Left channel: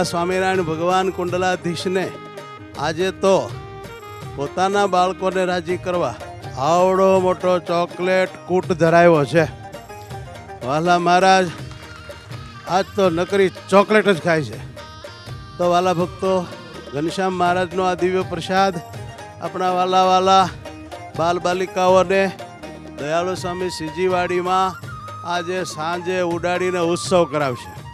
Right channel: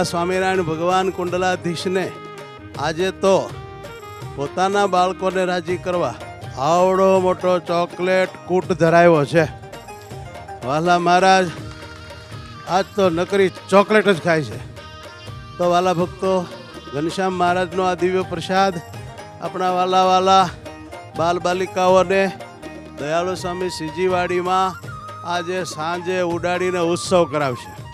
એવા સ્વામિનારાયણ ભગવાન કુંડલાધીશને આજે તો પોતાના બાળકોને રાજી કરવા આવડો મોટો ચોકલેટ કૂટ ધરાવ્યો છે. વાલા મહારાજ આજ તો નકરી ચોકલેટ જ ખાય છે. તો વાલા ભક્તો, ઘનશ્યામ મહારાજનો આ દિવ્ય પ્રસાદ આપણા વાલા બાલ બાલિકાઓને દયાળુ સ્વામી શ્રીજીવાડીમાં આજે સાંજે ઉડાડીને ઉત્સવ કરાવશે.